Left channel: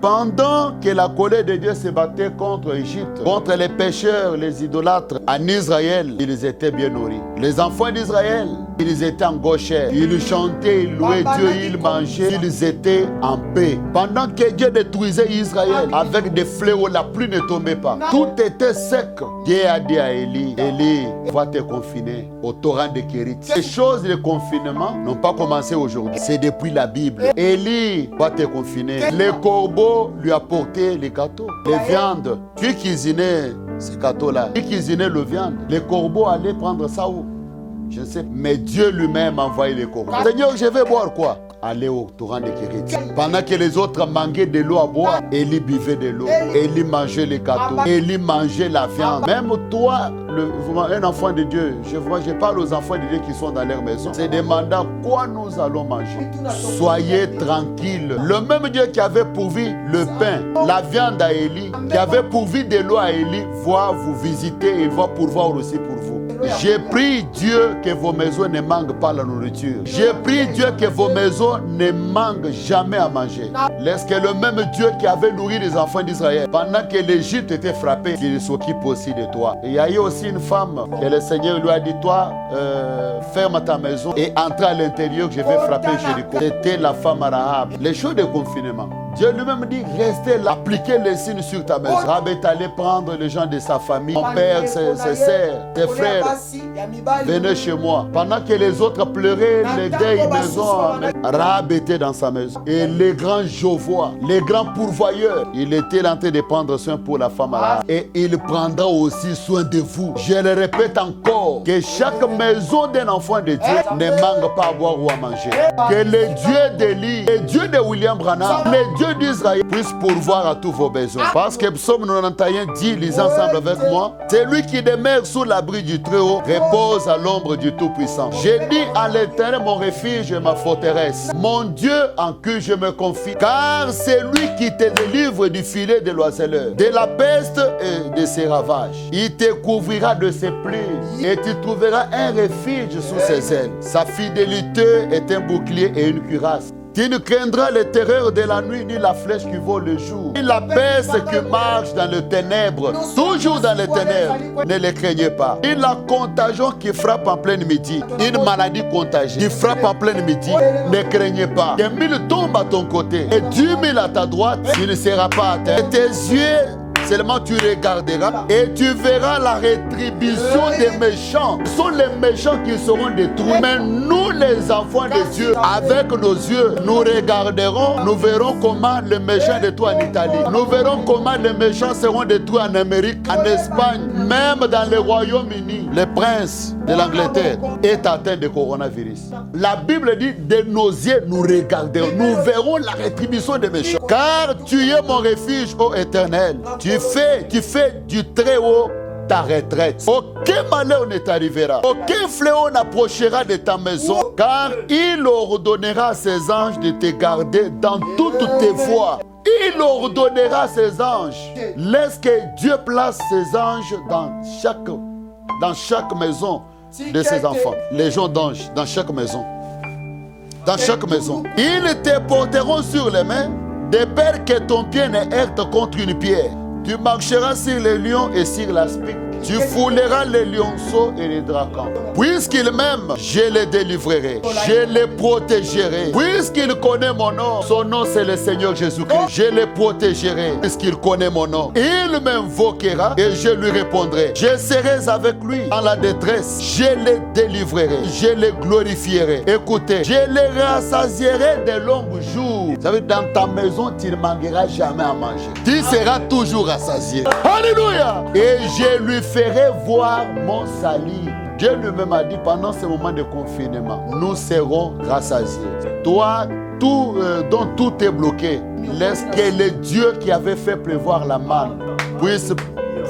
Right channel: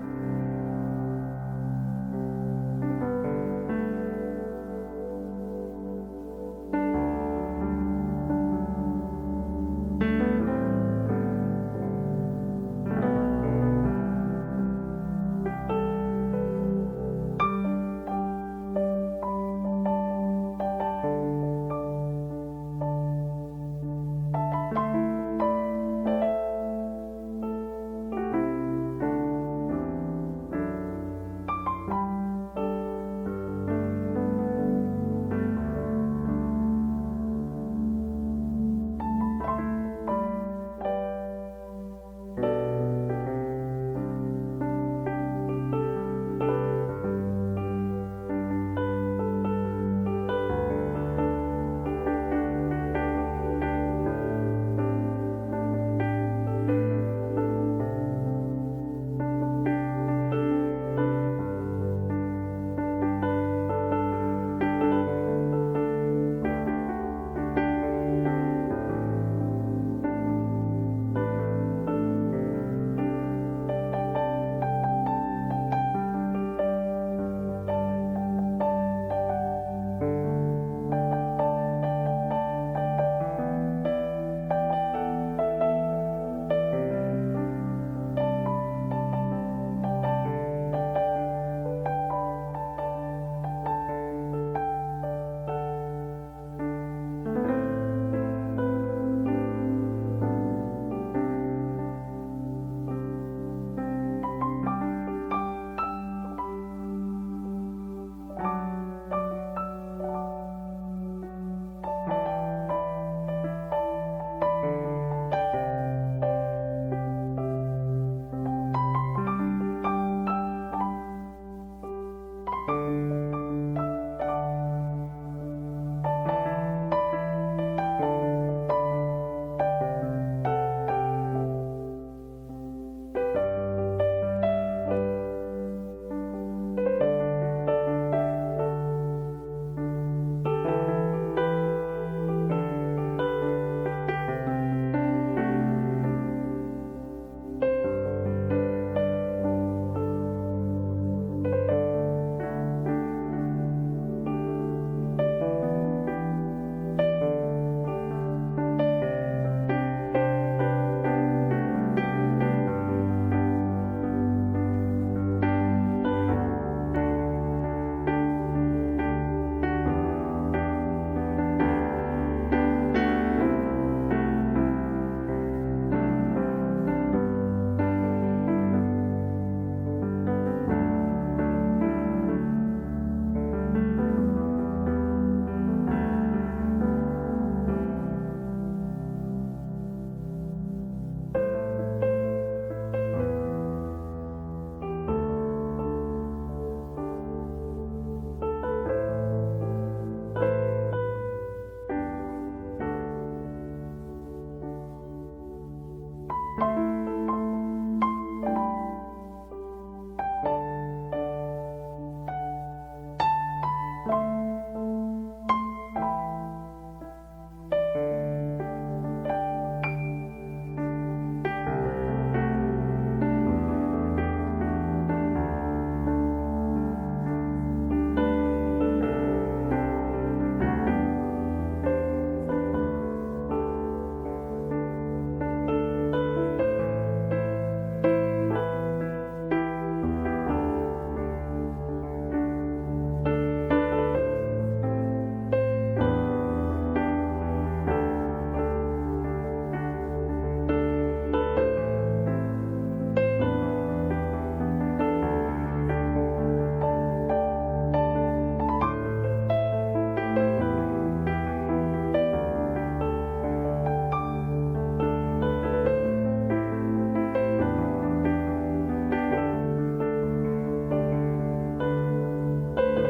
Pendant que la colère de Dieu se battait contre l'Égypte, contre les pécheurs, les idolâtres, en Israël, ils étaient bien nourris. Les enfants d'Israël, ils étaient en gauchère. Ils chantaient, ils louaient Dieu, ils mangeaient, ils étaient en paix. Pendant que Dieu détruisait Israël avec des fléaux, la pluie ne tombait pas. Tout était sec. Dieu a dit à Élie, Élie, va te confiner au torrent de Kérit. Les choses de confinement n'ont pas commencé aujourd'hui. C'est depuis la Bible. Élie va te confiner. Les corbeaux lui apportaient les gâteaux, les viandes. Qui cuisinait ces gâteaux-là? Qui cuisinait le viande? Les corbeaux allaient prendre ça où? Je sais, mais Dieu lui-même a envoyé les corbeaux. Seigneur, je vais boire quoi? Aller au torrent de Kérit. Pendant que les autres manquaient de l'eau à boire, Élie buvait de l'eau. Élie mangeait les gâteaux. Élie mangeait la viande. Même toi, un enfant de Dieu, je parle aux enfants de Dieu qui sont dans leur maison. C'est demandant quoi nous allons manger. Soyez tranquilles. Le même Dieu qui avait pourvu le pain, la viande à Élie, qui avait pourvu de l'eau à Élie, va vous visiter et va pourvoir aussi pour vous. J'ai prié Dieu que vos maisons ne manquent pas la nourriture. J'ai prié Dieu que vos maisons ne manquent jamais à manger. Est-ce que le même Dieu qui avait nourri les enfants d'Israël pendant que l'Égypte était frappée, il s'occupe aussi de toi. Et il y a eu aussi une femme que le Seigneur lui a dit, toi, ferme ta maison et entre à l'intérieur que je vais frapper Jéricho. C'était la femme Rahab. Les jours de confinement. Dieu lui-même dit, restez là, appliquez les signes sur ta maison. Rahab est allé prendre les gens de sa famille, son père, ses sœurs, ses frères. Venez chez moi. Pendant que les autres pleuraient, les vieilles maisons, Rahab était dans sa maison. Et les grands Jovois, les grands pourvoyeurs, il était en train de prendre soin pour la femme Rahab. Et il prendra aussi soin de vous. Je le répète encore, que chaque maison d'un enfant de Dieu ne manque pas à boire ou à manger. Que le Dieu d'Élie, le Dieu de William Branham, le Dieu d'Israël puisse pourvoir à tous vos besoins. Parce que Psaume 91 dit, lisez ensemble avec moi, c'est lui qui demeure sous l'abri du Très-Haut, repose à l'ombre du Tout-Puissant. J'ai dit à l'Éternel mon refuge et ma forteresse, mon Dieu en qui je me confie, car c'est lui qui te délivre du filet de l'oiseleur, de la peste et de ses ravages. Il te couvrira de ses plis et tu trouveras un refuge sous ses ailes. Sa fidélité est un bouclier et une cuirasse. Tu ne craindras les terreurs de la nuit, ni la flèche qui vole le jour, ni la peste qui marche dans les ténèbres, toujours dans les ténèbres. Ne les craignez pas. Ni la contagion qui frappe en pleine midi, une maladie contagieuse qui frappe en pleine midi. Ne craignez pas. Que 1000 tombent à ton côté et 10 000 à ta droite, tu ne seras pas atteint. Et tes yeux, seulement tu regarderas et tu verras la rétribution des méchants. Ce sont les méchants qui seront détruits. Mais nous, les enfants de Dieu, avec nos yeux, nous regarderons, nous verrons comment les méchants détruits en Italie. Nous verrons comment les méchants seront détruits en Amérique, en Espagne, même dans le Royaume-Uni. Le prince de l'Angleterre est atteint de coronavirus. La Bible dit, de nos yeux, nous regarderons, nous verrons la rétribution des méchants. Car tu es mon refuge, ô Éternel. Tu fais du Très-Haut ta retraite. Aucun malheur ne t'arrivera. Aucun fléau n'approchera de ta maison. Car il ordonnera à ses anges de te garder dans toutes tes voies. Il ordonnera à ses anges. Laisse que Dieu place ses anges dans chaque maison de ses enfants. Les gens d'anges dans chaque maison. Dans chaque maison. Ils te porteront sur les mains, de peur que ton pied ne heurte contre une pierre. Tu marcheras sur les lions et sur l'aspic. Tu fouleras les lionceaux et les dragons. Puisqu'il m'aime, je les délivrerai. Je les protégerai. Puisqu'il connaît mon nom, son nom c'est le Seigneur Jésus-Christ. Je les protégerai. Puisqu'il connaît mon nom, il m'invoquera et je lui répondrai. Je serai avec lui dans la détresse. Je les délivrerai. Je les glorifierai. Écoutez, je les rassasierai de longs jours. Vous savez, dans ta maison, tu ne manqueras jamais à manger. Tu seras toujours rassasié. Alléluia! Et je lui ferai voir mon salut. Dieu lui-même a dit pendant ce moment de confinement, nous serons rassasiés. Toi, dont tout est bloqué, laisse que le Dieu qui avait fait prévoir la manne puisse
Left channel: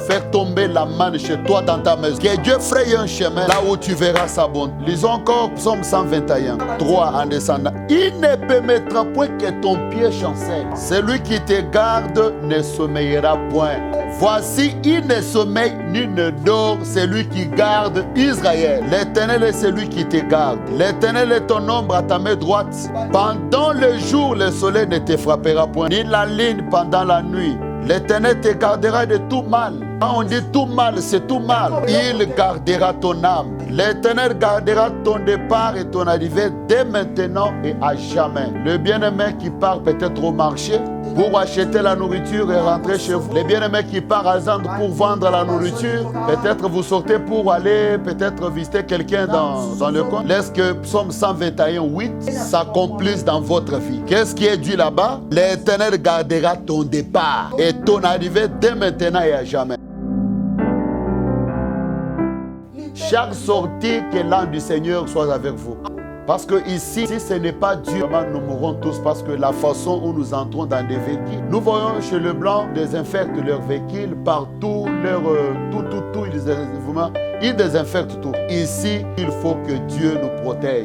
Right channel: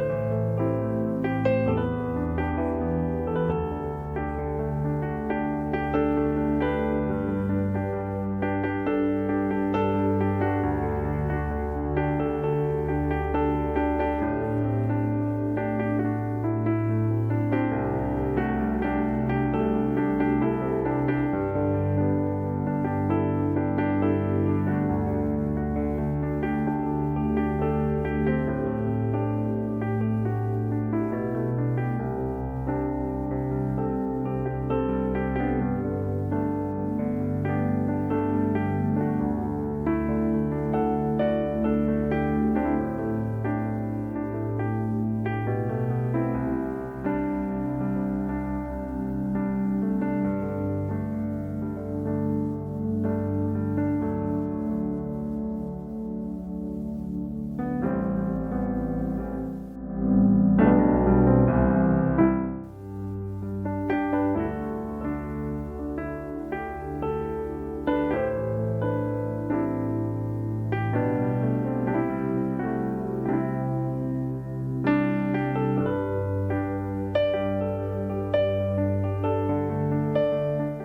faire tomber la manne chez toi dans ta maison. Que Dieu fraye un chemin là où tu verras sa bonté. Lisons encore Psaume 121, 3 en descendant. Il ne permettra point que ton pied chancelle. Celui qui te garde ne sommeillera point. Voici, il ne sommeille ni ne dort, celui qui garde Israël. L'Éternel est celui qui te garde. L'Éternel est ton ombre à ta main droite. Pendant le jour, le soleil ne te frappera point, ni la lune pendant la nuit. L'Éternel te gardera de tout mal. Quand on dit tout mal, c'est tout mal. Il gardera ton âme. L'Éternel gardera ton départ et ton arrivée dès maintenant et à jamais. Le bien-aimé qui part peut-être au marché pour acheter la nourriture et rentrer chez vous. Les bien-aimés qui partent à Zand pour vendre la nourriture. Peut-être vous sortez pour aller peut-être visiter quelqu'un dans le coin. Laisse que Psaume 121, 8 s'accomplisse dans votre vie. Qu'est-ce qui est dit là-bas? L'Éternel gardera ton départ et ton arrivée dès maintenant et à jamais. Chaque sortie, que l'âme du Seigneur soit avec vous. Parce que ici, si ce n'est pas Dieu, nous mourrons tous parce que la façon où nous entrons dans des véhicules, nous voyons chez le blanc désinfectent leurs véhicules partout, ils désinfectent tout. Ici, il faut que Dieu nous protège.